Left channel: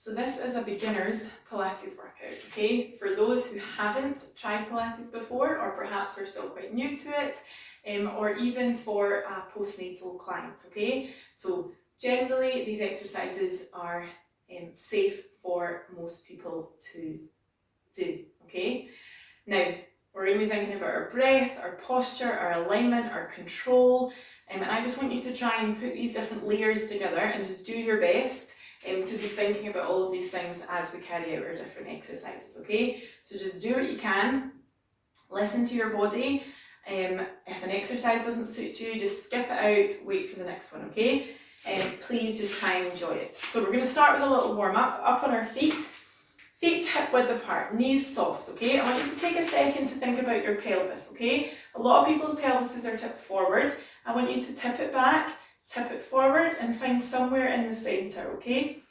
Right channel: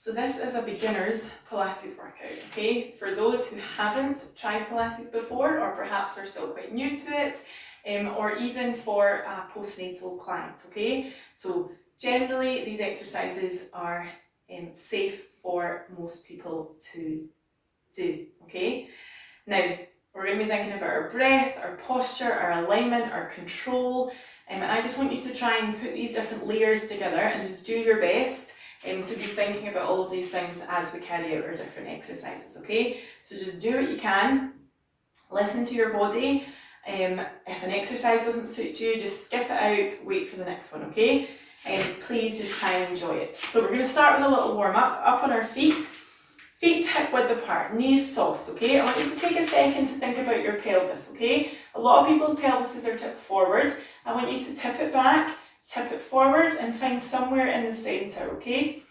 So this is a beginner's Pilates workout, okay? For those who haven't tried Pilates before, or perhaps are still quite new to it, or even for a postnatal client, okay? So generally these exercises are safe for most people to do, okay? Now, we're going to be thinking about our breath, our posture, our alignment, our control, and I just want you to try and put these different layers together and just do your best to be thinking about all of these things as we carry out our different exercises, okay? So just do what you can, listen to your body. If an exercise doesn't suit you, just skip it out, wait for the next one, okay? Please just try and enjoy it. So we're going to start with a little warm-up, up on our feet. Feet hip width apart, knees soft, okay? I want you to take a second to think about your pelvis, okay? A lot of people's pelvises are tipped forward. I want you to tip it back, tip it forward, and find somewhere in the centre, okay?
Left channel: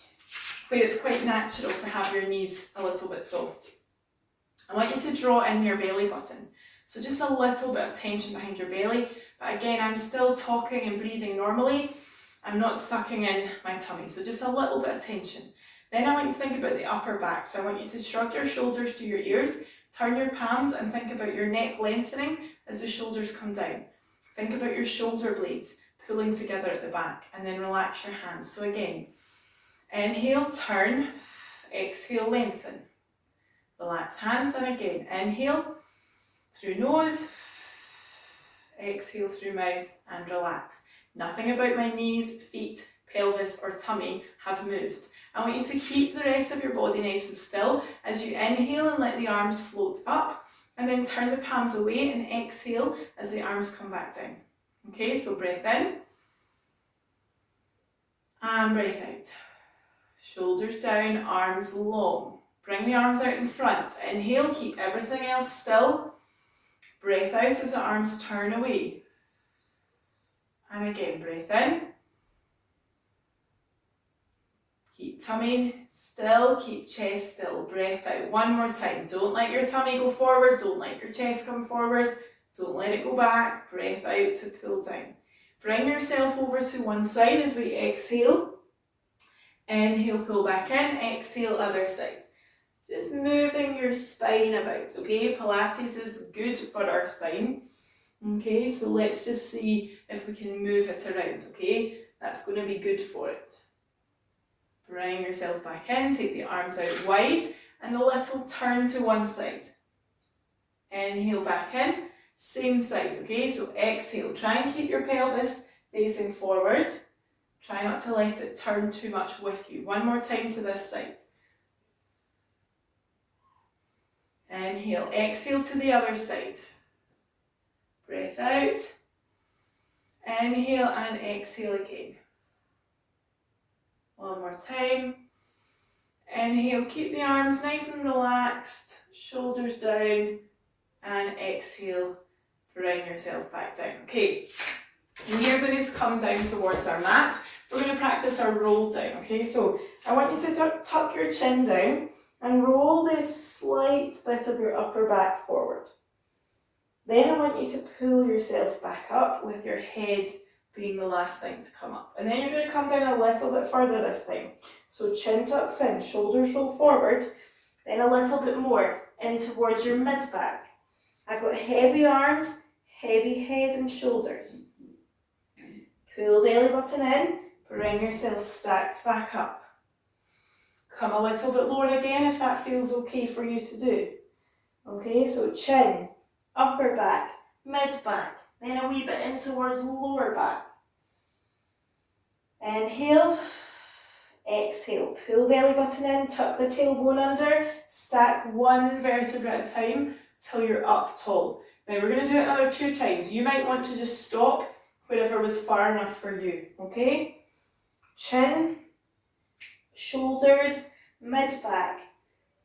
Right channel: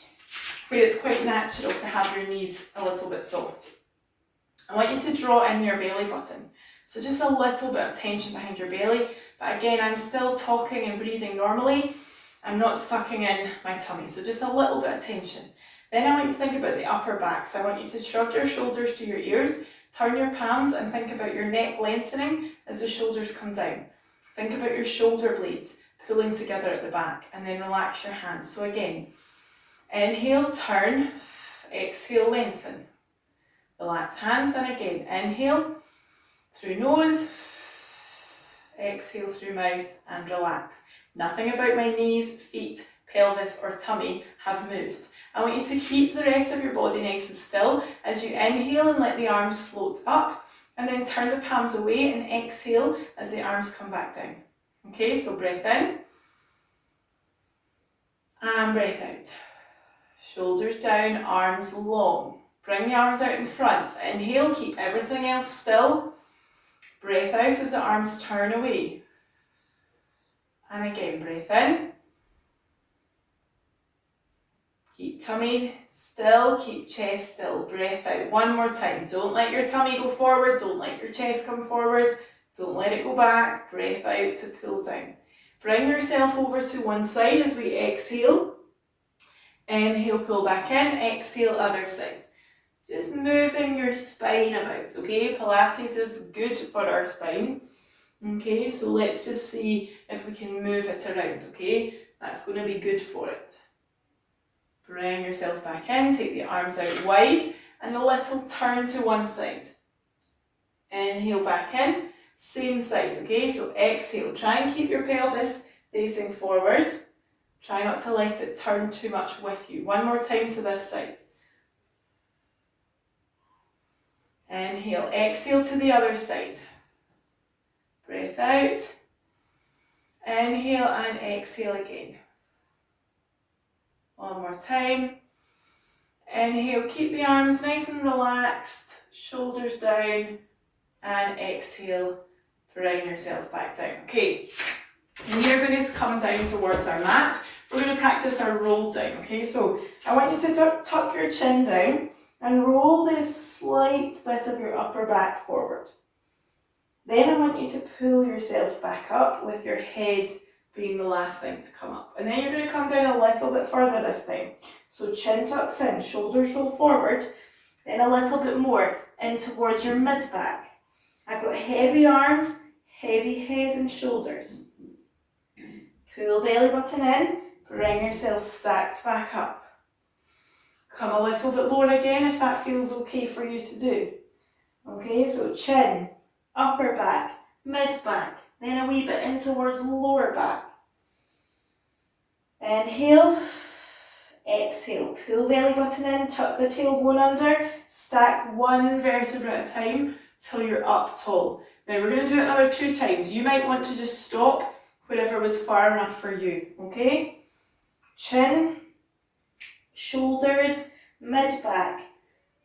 Where it's quite natural to have your knees a little bit soft. I want you to draw in your belly button. So just a little bit of tension behind your belly, but again, I'm still talking and breathing normally. I'm not sucking in my tummy, so just a little bit of tension. Then I want you to think about the upper back. So I want you to shrug your shoulders to your ears, turn your palms and think about your neck lengthening as the shoulders come down. Think about your shoulder blades pulling together at the back, and then relax your hands. So again, inhale, turn, exhale, lengthen. Relax hands, and again, inhale through nose, exhale through mouth, and relax. Nothing about my knees, feet, pelvis or tummy have moved. I want you to keep the rest of your body nice and still as you inhale and let the arms float up, and then turn the palms away and exhale as the arms come back down. Okay, so breath in and breath out. Shoulders down, arms long. Bring the arms out in front. Inhale, keep everything else still. Breath out as the arms turn away. And again, breath in. Keep tummy still, keep chest still. Breath out one more time. Don't let your tummy go forward, don't let your chest come forward, don't let it go back. Breath out to pull down. Bring yourself over to one side as we exhale. Inhale, pull back in, exhale, other side. Just moving your spine about, okay? Pilates is good for our spine. Okay, so let's just see if we can move it around, okay? That's going to be good for it. Bring yourself back in, take the arms out wide, and a little turn to one side. Inhale back in, same side, okay? So exhale, try and keep your pelvis facing forward. Try not to let it turn too much with you. One more time to this side. Inhale, exhale to the other side. Breath out. Inhale and exhale again. One more time. Inhale, keep the arms nice and relaxed, shoulders down, and exhale, bring yourself back down. Okay, and you're going to come down towards our mat. We're going to practice our roll down, okay? So I want you to tuck your chin down and roll this slight bit of your upper back forward. Then I want you to pull yourself back up with your head being the last thing to come up. And then you're going to come down a little bit further this time. So chin tucks in, shoulders roll forward, then a little bit more in towards your mid-back. I've got heavy arms, heavy head and shoulders. Pull belly button in, bring yourself stacked back up. Come a little bit lower again if that feels okay for you to do. Okay, so chin, upper back, mid-back, then a wee bit in towards lower back. Inhale, exhale, pull belly button in, tuck the tailbone under, stack one vertebra at a time till you're up tall. Now we're going to do it another 2 times. You might want to just stop wherever was far enough for you, okay? Chin, shoulders, mid-back,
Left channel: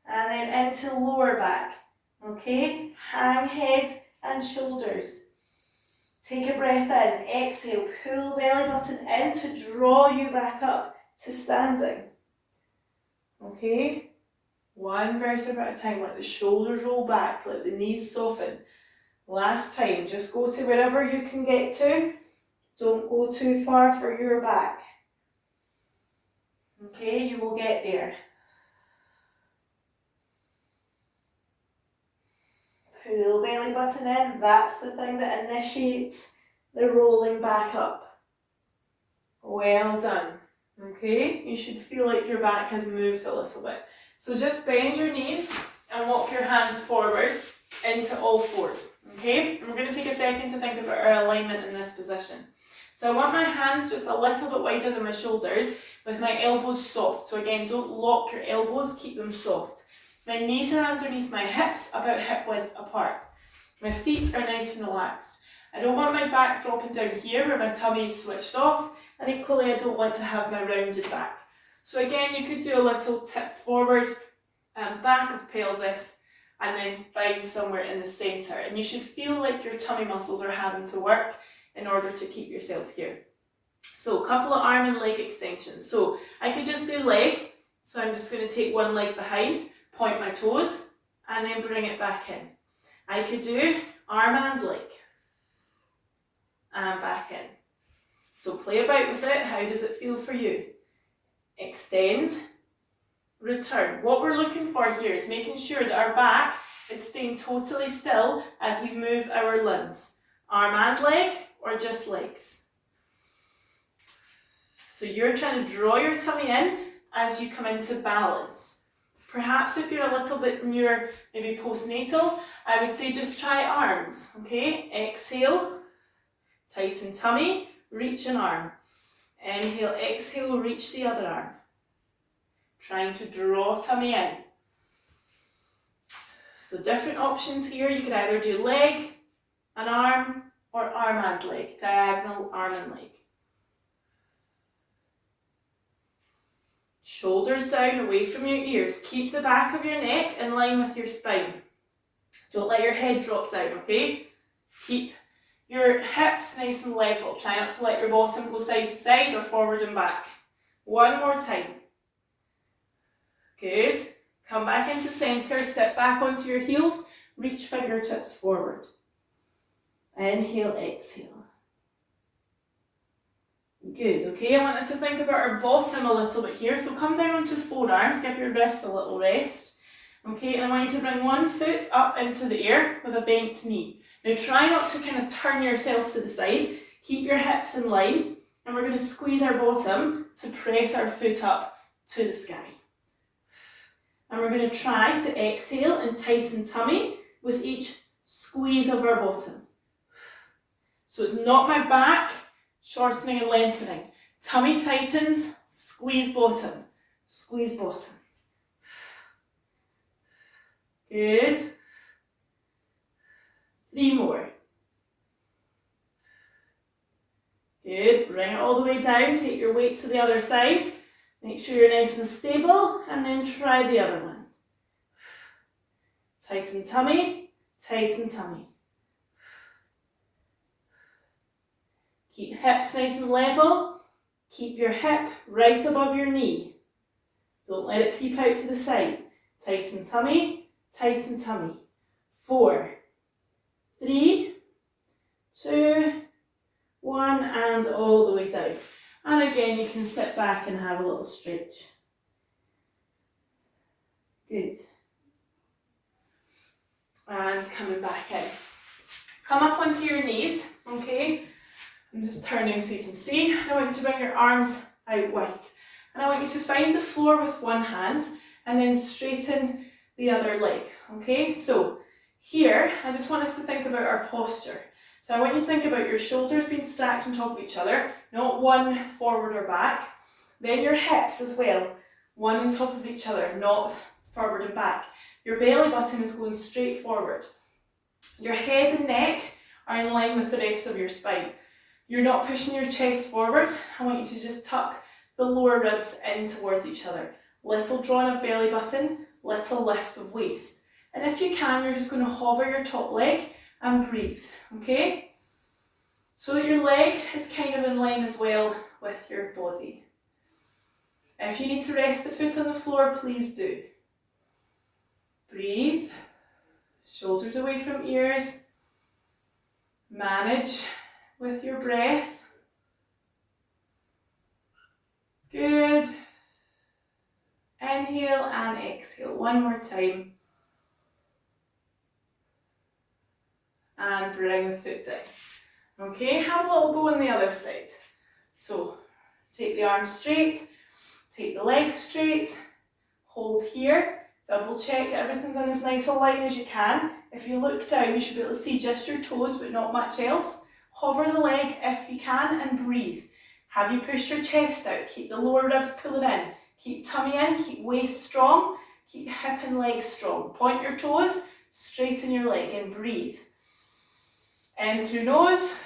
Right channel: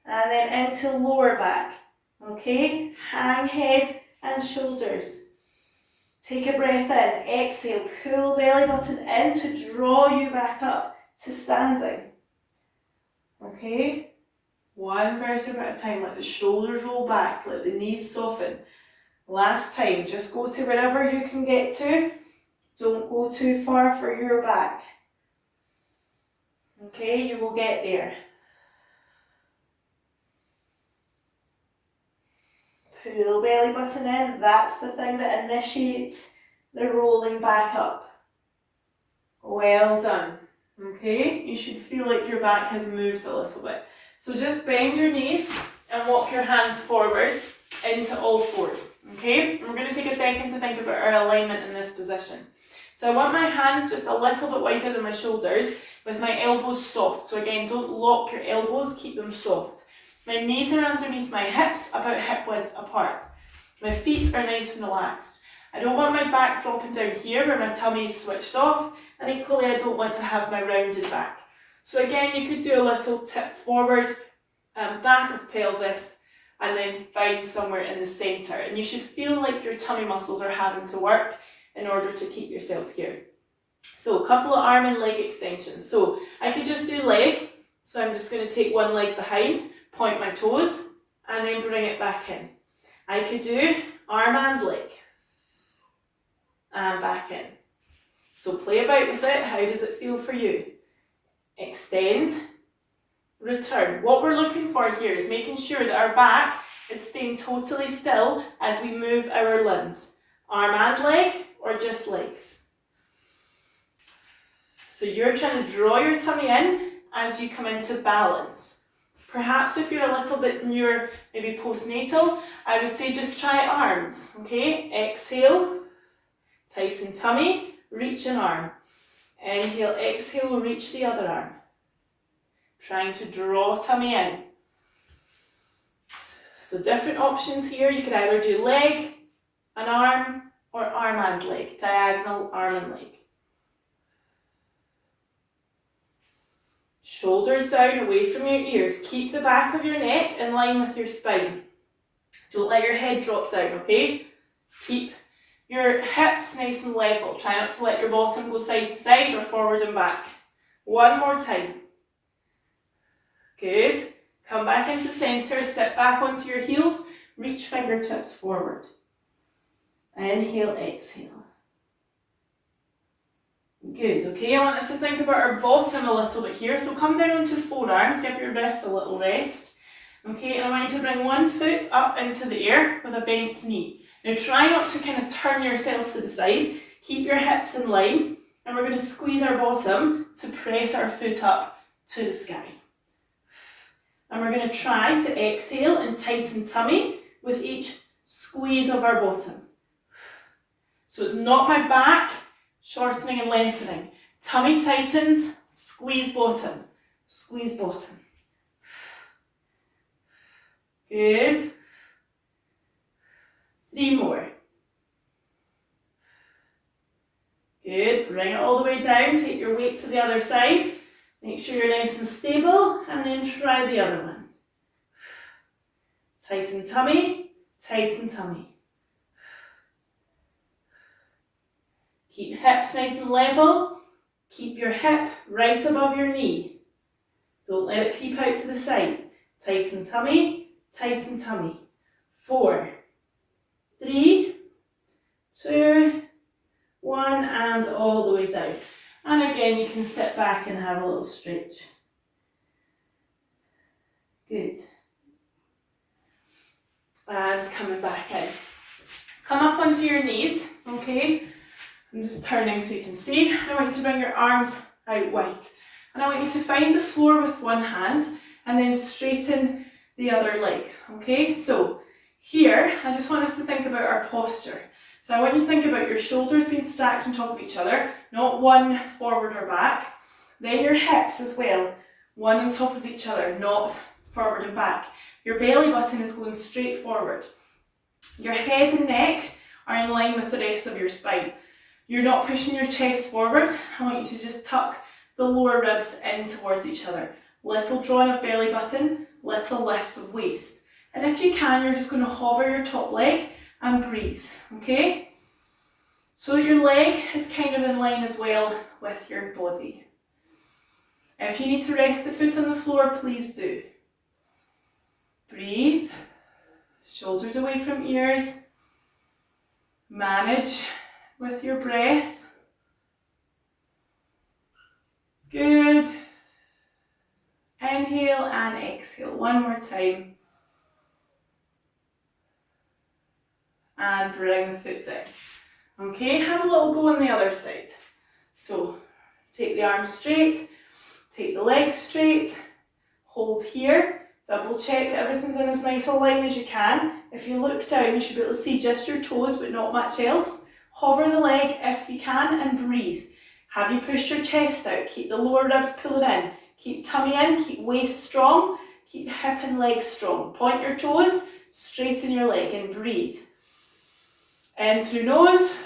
and then into lower back, okay? Hang head and shoulders. Take a breath in, exhale, pull belly button in to draw you back up to standing. Okay? One vertebra at a time, let the shoulders roll back, let the knees soften. Last time, just go to wherever you can get to. Don't go too far for your back. Okay, you will get there. Pull belly button in. That's the thing that initiates the rolling back up. Well done. Okay, you should feel like your back has moved a little bit. So just bend your knees and walk your hands forward into all fours. Okay, and we're going to take a second to think about our alignment in this position. So I want my hands just a little bit wider than my shoulders with my elbows soft. So again, don't lock your elbows, keep them soft. My knees are underneath my hips, about hip width apart. My feet are nice and relaxed. I don't want my back dropping down here where my tummy is switched off, and equally I don't want to have my rounded back. So again, you could do a little tip forward, back of pelvis, and then find somewhere in the centre. And you should feel like your tummy muscles are having to work in order to keep yourself here. So a couple of arm and leg extensions. So I could just do leg. So I'm just going to take one leg behind, point my toes, and then bring it back in. I could do arm and leg, and back in. So play about with it. How does it feel for you? Extend, return. What we're looking for here is making sure that our back is staying totally still as we move our limbs. Arm and leg, or just legs. So you're trying to draw your tummy in as you come into balance. Perhaps if you're a little bit newer, maybe postnatal, I would say just try arms, okay? Exhale, tighten tummy, reach an arm. Inhale, exhale, reach the other arm. Trying to draw tummy in. So different options here. You could either do leg, an arm, or arm and leg. Diagonal, arm and leg. Shoulders down, away from your ears. Keep the back of your neck in line with your spine. Don't let your head drop down, okay? Keep your hips nice and level. Try not to let your bottom go side to side or forward and back. One more time. Good. Come back into centre, sit back onto your heels, reach fingertips forward. Inhale, exhale. Good, okay, I want us to think about our bottom a little bit here. So come down onto forearms, give your wrists a little rest. Okay, and I want you to bring one foot up into the air with a bent knee. Now try not to kind of turn yourself to the side. Keep your hips in line, and we're going to squeeze our bottom to press our foot up to the sky. And we're going to try to exhale and tighten tummy with each squeeze of our bottom. So it's not my back shortening and lengthening. Tummy tightens, squeeze bottom, squeeze bottom. Good. 3 more. Good, bring it all the way down, take your weight to the other side. Make sure you're nice and stable, and then try the other one. Tighten tummy, tighten tummy. Keep hips nice and level. Keep your hip right above your knee. Don't let it peep out to the side. Tighten tummy, tighten tummy. 4, 3, 2, 1, and all the way down. And again, you can sit back and have a little stretch. Good. And coming back in. Come up onto your knees, okay? I'm just turning so you can see. I want you to bring your arms out wide. And I want you to find the floor with one hand and then straighten the other leg, okay? So here, I just want us to think about our posture. So I want you to think about your shoulders being stacked on top of each other, not one forward or back. Then your hips as well, one on top of each other, not forward and back. Your belly button is going straight forward. Your head and neck are in line with the rest of your spine. You're not pushing your chest forward. I want you to just tuck the lower ribs in towards each other. Little drawing of belly button, little lift of waist. And if you can, you're just going to hover your top leg and breathe, okay? So that your leg is kind of in line as well with your body. If you need to rest the foot on the floor, please do. Breathe, shoulders away from ears. Manage with your breath. Good. Inhale and exhale. One more time. and bring the foot down. Okay, have a little go on the other side. So take the arms straight, take the legs straight, hold here, double check that everything's in as nice a line as you can. If you look down, you should be able to see just your toes but not much else. Hover the leg if you can and breathe. Have you pushed your chest out? Keep the lower ribs pulling in. Keep tummy in, keep waist strong, keep hip and leg strong. Point your toes, straighten your leg and breathe. In through nose,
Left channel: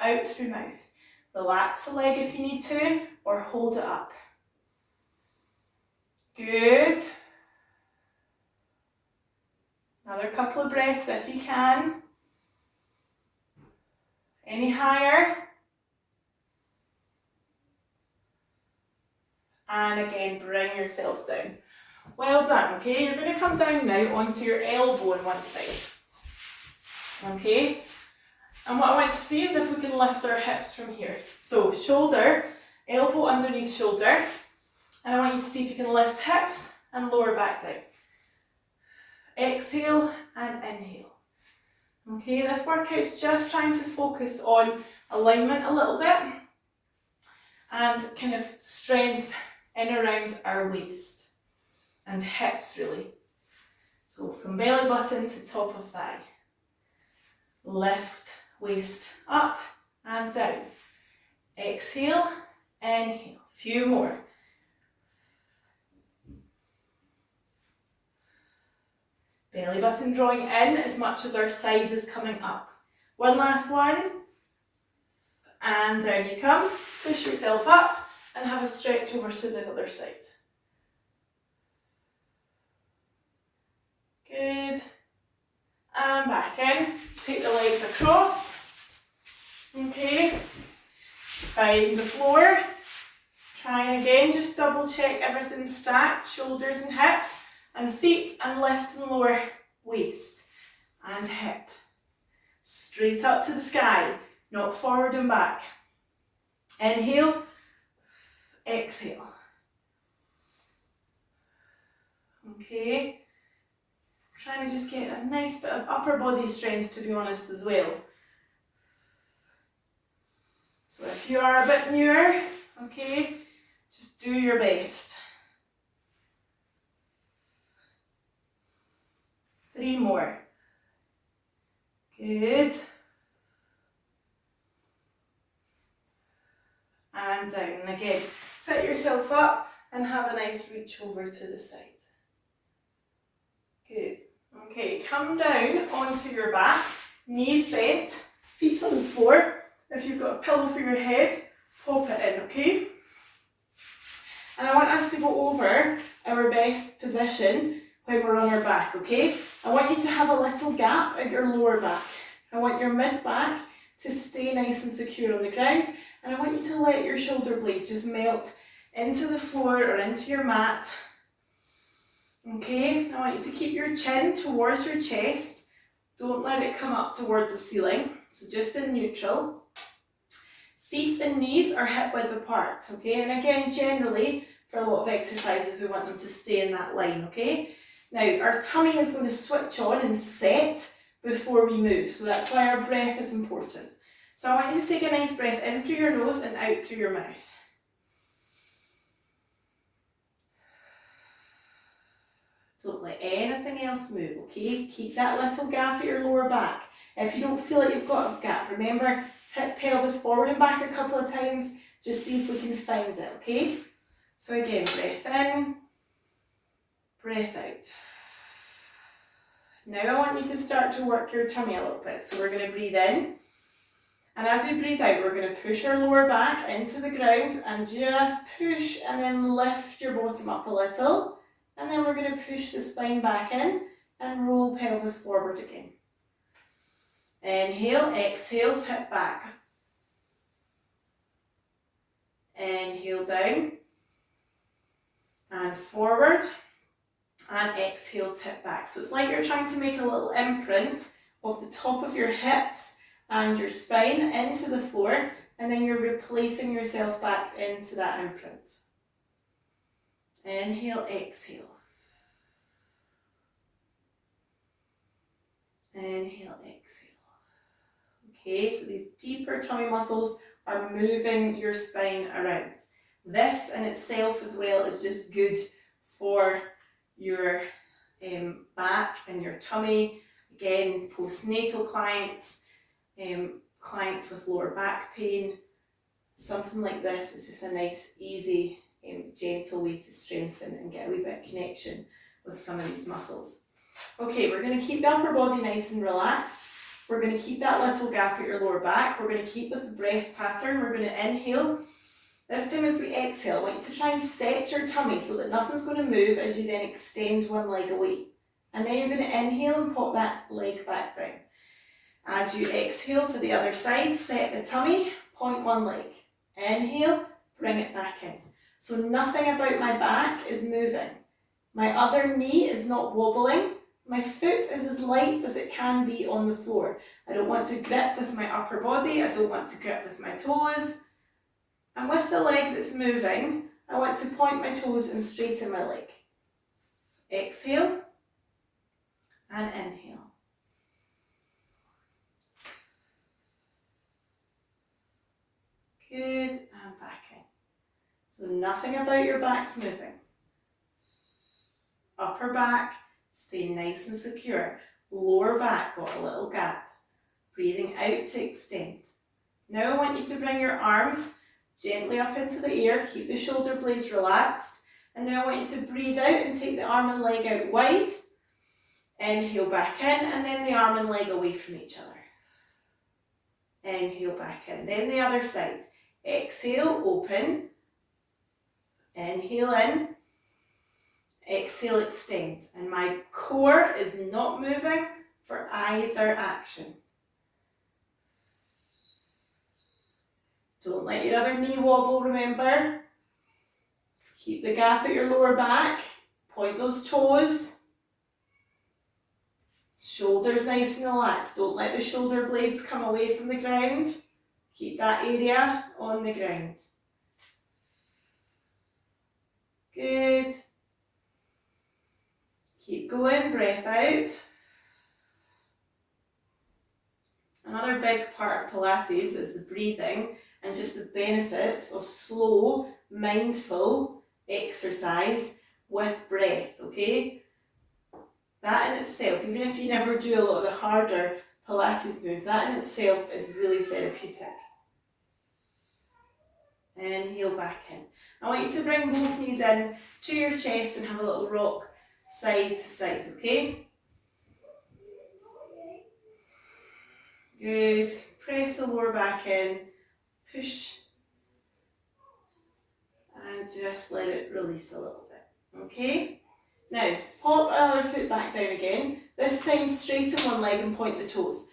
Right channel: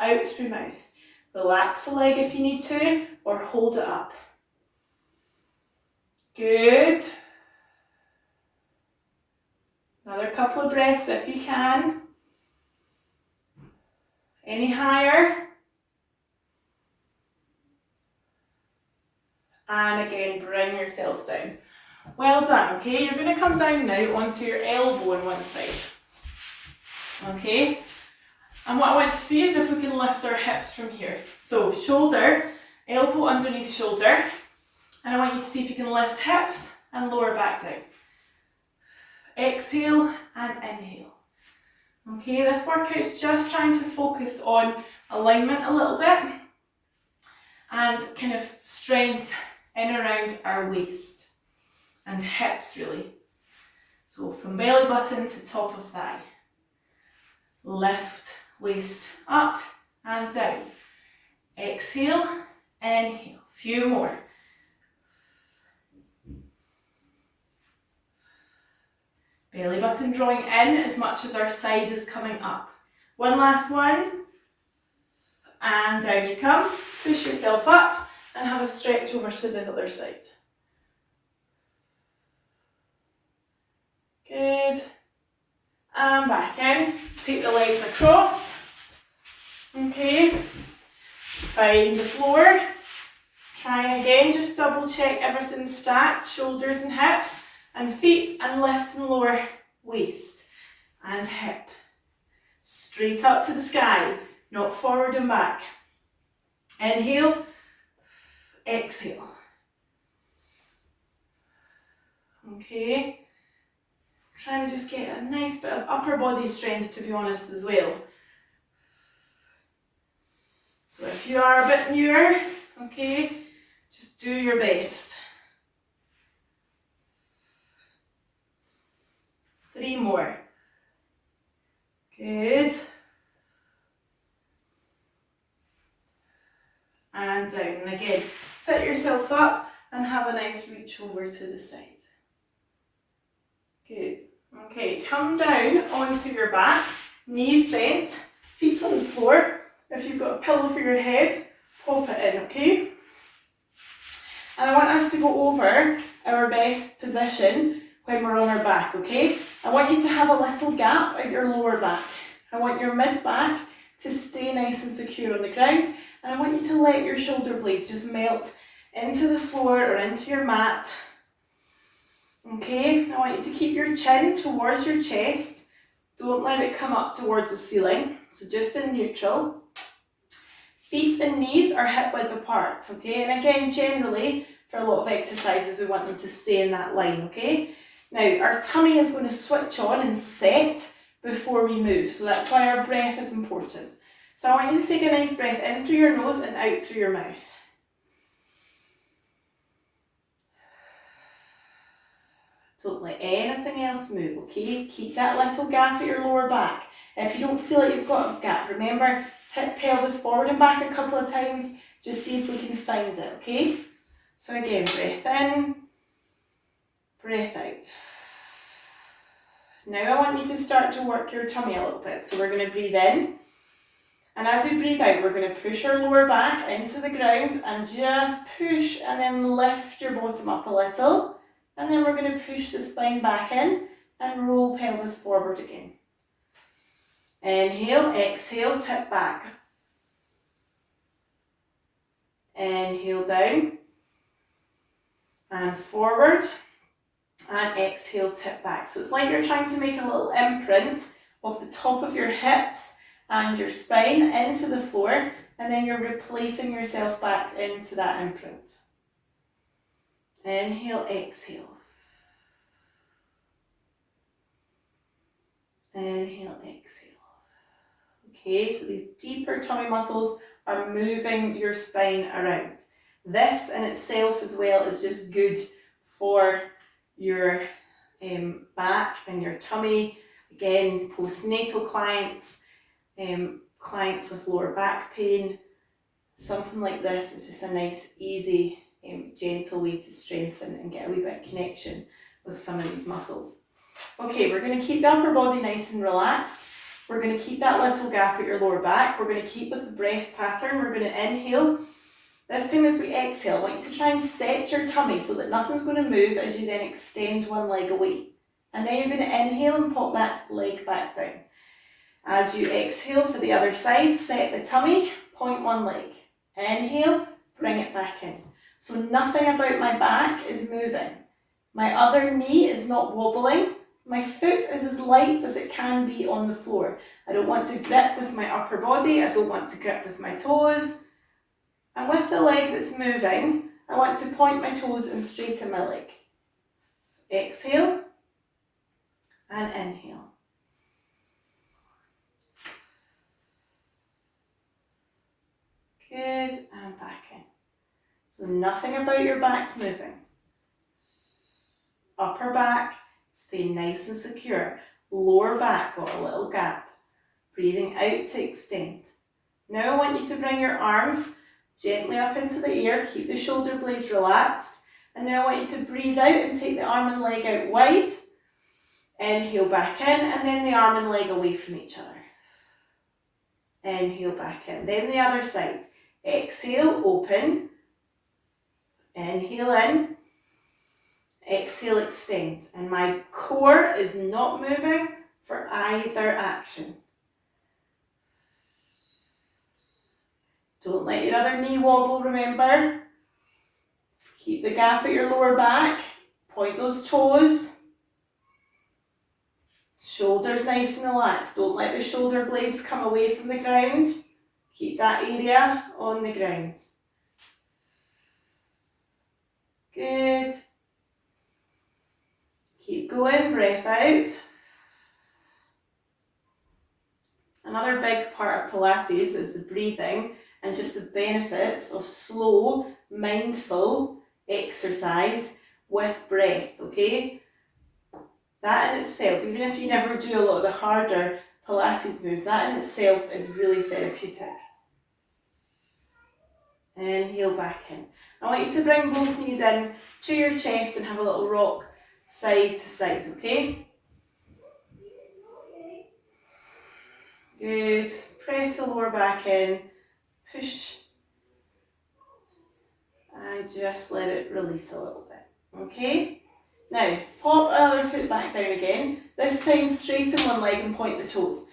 out through mouth. Relax the leg if you need to, or hold it up. Good. Another couple of breaths if you can. Any higher? And again, bring yourself down. Well done, okay? You're going to come down now onto your elbow on one side. Okay? And what I want to see is if we can lift our hips from here. So shoulder, elbow underneath shoulder. And I want you to see if you can lift hips and lower back down. Exhale and inhale. Okay, this workout's just trying to focus on alignment a little bit and kind of strength in around our waist and hips really. So from belly button to top of thigh. Lift waist up and down. Exhale, inhale. Few more. Belly button drawing in as much as our side is coming up. One last one. And down you come. Push yourself up and have a stretch over to the other side. Good. And back in. Take the legs across. Okay. Find the floor. Try again. Just double check everything's stacked. Shoulders and hips. And feet and lift and lower waist and hip. Straight up to the sky, not forward and back. Inhale, exhale. Okay. Trying to just get a nice bit of upper body strength, to be honest, as well. So if you are a bit newer, okay, just do your best. 3 more. Good. And down. And again, sit yourself up and have a nice reach over to the side. Good. Okay, come down onto your back, knees bent, feet on the floor. If you've got a pillow for your head, pop it in, okay? And I want us to go over our best position when we're on our back, okay? I want you to have a little gap at your lower back. I want your mid-back to stay nice and secure on the ground, and I want you to let your shoulder blades just melt into the floor or into your mat. Okay, I want you to keep your chin towards your chest. Don't let it come up towards the ceiling, so just in neutral. Feet and knees are hip width apart, okay? And again, generally, for a lot of exercises, we want them to stay in that line, okay? Now, our tummy is going to switch on and set before we move, so that's why our breath is important. So I want you to take a nice breath in through your nose and out through your mouth. Don't let anything else move, okay? Keep that little gap at your lower back. If you don't feel like you've got a gap, remember, tip pelvis forward and back a couple of times, just see if we can find it, okay? So again, breath in, breath out. Now I want you to start to work your tummy a little bit. So we're going to breathe in. And as we breathe out, we're going to push our lower back into the ground and just push and then lift your bottom up a little. And then we're going to push the spine back in and roll pelvis forward again. Inhale, exhale, tip back. Inhale down and forward. And exhale, tip back. So it's like you're trying to make a little imprint of the top of your hips and your spine into the floor, and then you're replacing yourself back into that imprint. Inhale, exhale. Inhale, exhale. Okay, so these deeper tummy muscles are moving your spine around. This in itself as well is just good for your back and your tummy. Again, postnatal clients, clients with lower back pain, something like this is just a nice, easy, gentle way to strengthen and get a wee bit of connection with some of these muscles. Okay, we're going to keep the upper body nice and relaxed. We're going to keep that little gap at your lower back. We're going to keep with the breath pattern. We're going to inhale. This time as we exhale, I want you to try and set your tummy so that nothing's going to move as you then extend one leg away. And then you're going to inhale and pop that leg back down. As you exhale for the other side, set the tummy, point one leg. Inhale, bring it back in. So nothing about my back is moving. My other knee is not wobbling. My foot is as light as it can be on the floor. I don't want to grip with my upper body. I don't want to grip with my toes. And with the leg that's moving, I want to point my toes and straighten my leg. Exhale and inhale. Good, and back in. So nothing about your back's moving. Upper back, stay nice and secure. Lower back, got a little gap. Breathing out to extend. Now I want you to bring your arms gently up into the air. Keep the shoulder blades relaxed. And now I want you to breathe out and take the arm and leg out wide. Inhale back in, and then the arm and leg away from each other. Inhale back in. Then the other side. Exhale, open. Inhale in. Exhale, extend. And my core is not moving for either action. Don't let your other knee wobble, remember. Keep the gap at your lower back. Point those toes. Shoulders nice and relaxed. Don't let the shoulder blades come away from the ground. Keep that area on the ground. Good. Keep going, breath out. Another big part of Pilates is the breathing and just the benefits of slow, mindful exercise with breath, okay? That in itself, even if you never do a lot of the harder Pilates moves, that in itself is really therapeutic. Inhale back in. I want you to bring both knees in to your chest and have a little rock side to side, okay? Good. Press the lower back in, push, and just let it release a little bit, okay? Now, pop another foot back down again, this time straighten one leg and point the toes,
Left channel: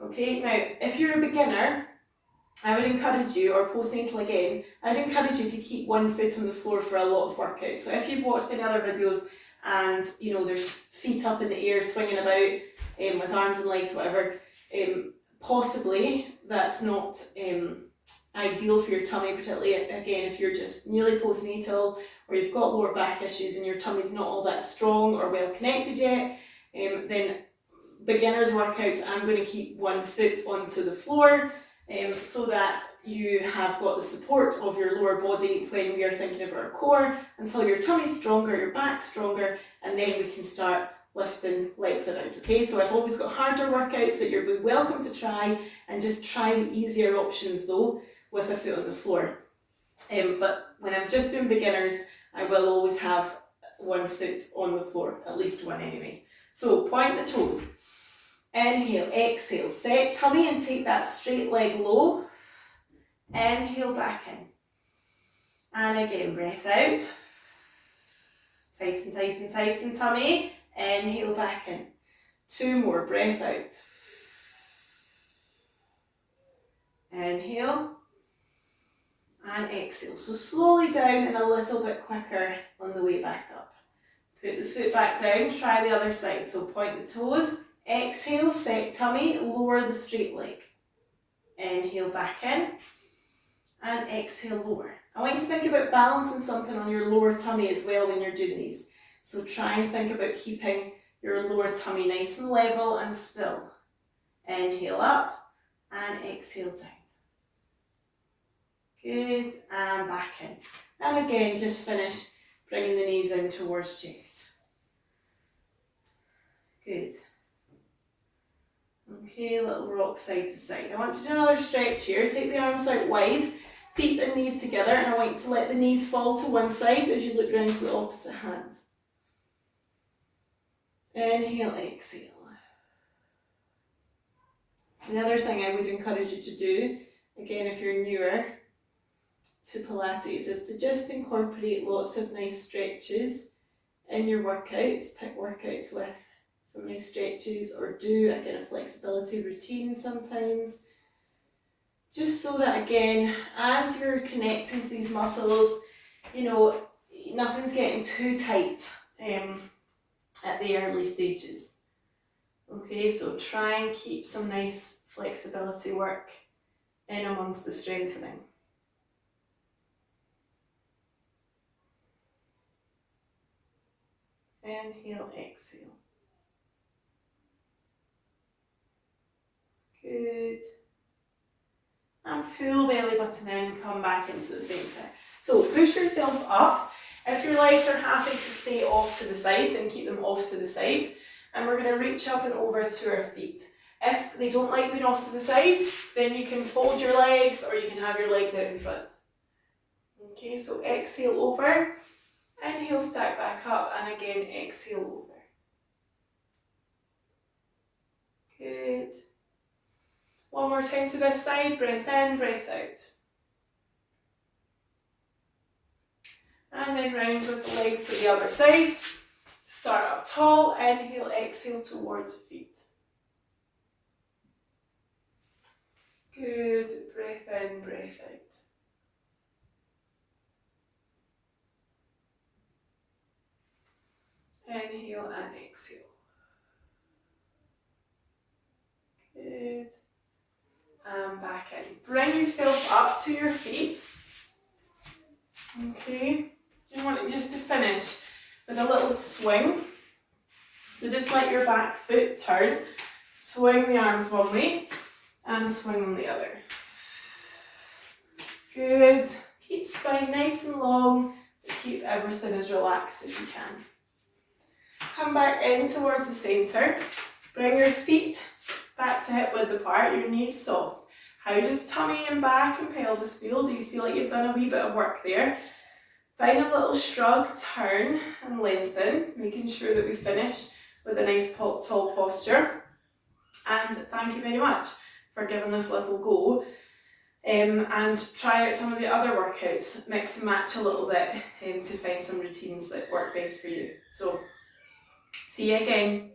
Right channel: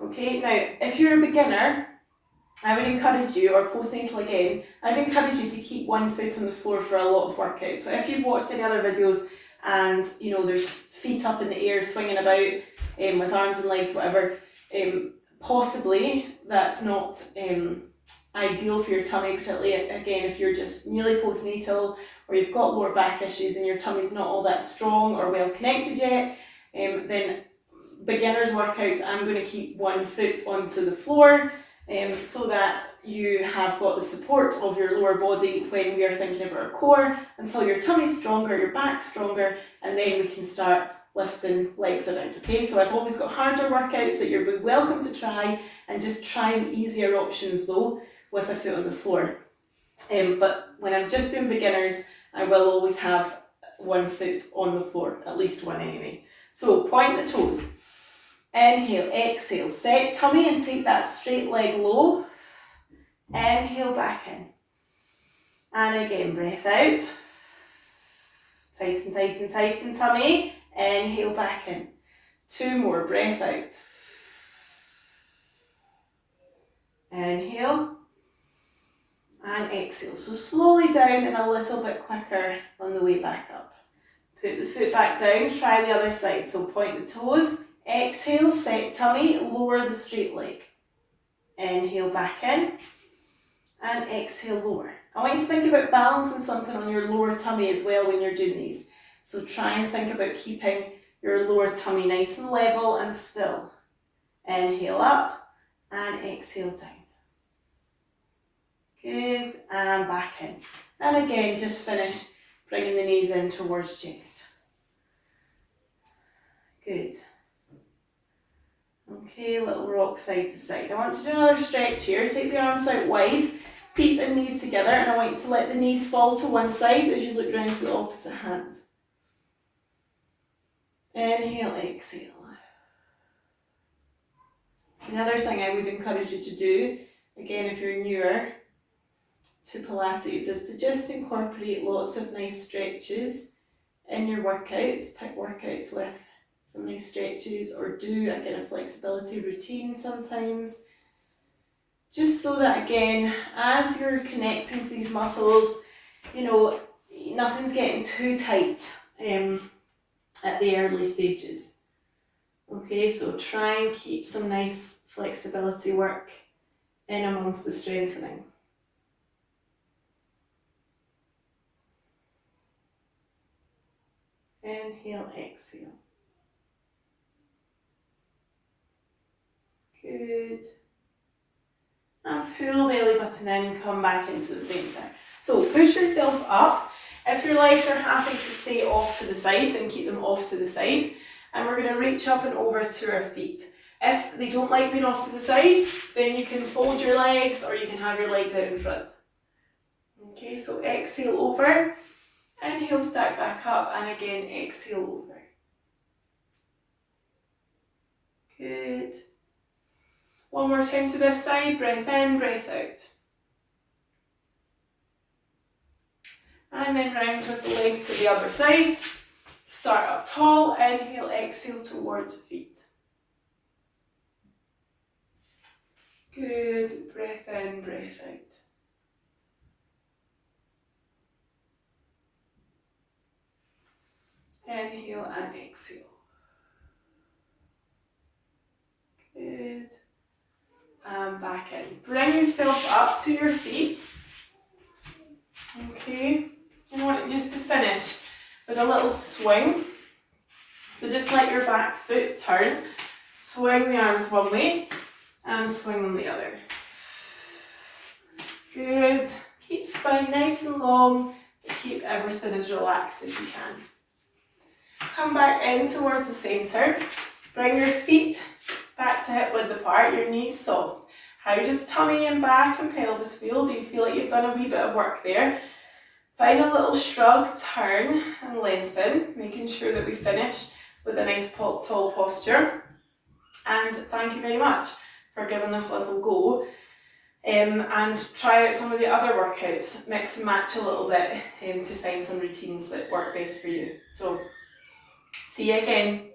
okay? Now, if you're a beginner, I would encourage you, or postnatal again, I'd encourage you to keep one foot on the floor for a lot of workouts. So if you've watched any other videos and, you know, there's feet up in the air swinging about with arms and legs, whatever, possibly that's not ideal for your tummy, particularly again if you're just newly postnatal or you've got lower back issues and your tummy's not all that strong or well connected yet. Then beginners workouts, I'm going to keep one foot onto the floor so that you have got the support of your lower body when we are thinking about our core, until your tummy's stronger, your back's stronger, and then we can start lifting legs around, okay? So I've always got harder workouts that you're welcome to try, and just try the easier options though with a foot on the floor. But when I'm just doing beginners, I will always have one foot on the floor, at least one anyway. So point the toes. Inhale, exhale, set tummy and take that straight leg low. Inhale back in. And again, breath out. Tighten, tighten, tighten tummy. Inhale back in. Two more, breath out. Inhale. And exhale. So slowly down and a little bit quicker on the way back up. Put the foot back down, try the other side. So point the toes. Exhale, set tummy, lower the straight leg. Inhale back in, and exhale, lower. I want you to think about balancing something on your lower tummy as well when you're doing these. So try and think about keeping your lower tummy nice and level and still. Inhale up, and exhale down. Good, and back in. And again, just finish bringing the knees in towards chest. Good. Okay, little rock side to side. I want to do another stretch here. Take the arms out wide, feet and knees together, and I want you to let the knees fall to one side as you look round to the opposite hand. Inhale, exhale. Another thing I would encourage you to do, again if you're newer to Pilates, is to just incorporate lots of nice stretches in your workouts. Pick workouts with some nice stretches, or do again a flexibility routine sometimes. Just so that again, as you're connecting to these muscles, you know, nothing's getting too tight at the early stages. Okay, so try and keep some nice flexibility work in amongst the strengthening. Inhale, exhale. Good. And pull belly button in, come back into the centre. So push yourself up. If your legs are happy to stay off to the side, then keep them off to the side. And we're going to reach up and over to our feet. If they don't like being off to the side, then you can fold your legs, or you can have your legs out in front. Okay, so exhale over, inhale, stack back up, and again exhale over. Good. One more time to this side, breath in, breath out. And then round with the legs to the other side. Start up tall, inhale, exhale towards feet. Good, breath in, breath out. Inhale and exhale. Good. And back in. Bring yourself up to your feet. Okay. And I want you just to finish with a little swing. So just let your back foot turn. Swing the arms one way and swing them the other. Good. Keep spine nice and long, but keep everything as relaxed as you can. Come back in towards the centre. Bring your feet back to hip width apart, your knees soft. How does tummy and back and pelvis feel? Do you feel like you've done a wee bit of work there? Find a little shrug, turn and lengthen, making sure that we finish with a nice tall posture. And thank you very much for giving this little go. And try out some of the other workouts, mix and match a little bit to find some routines that work best for you. So, see you again.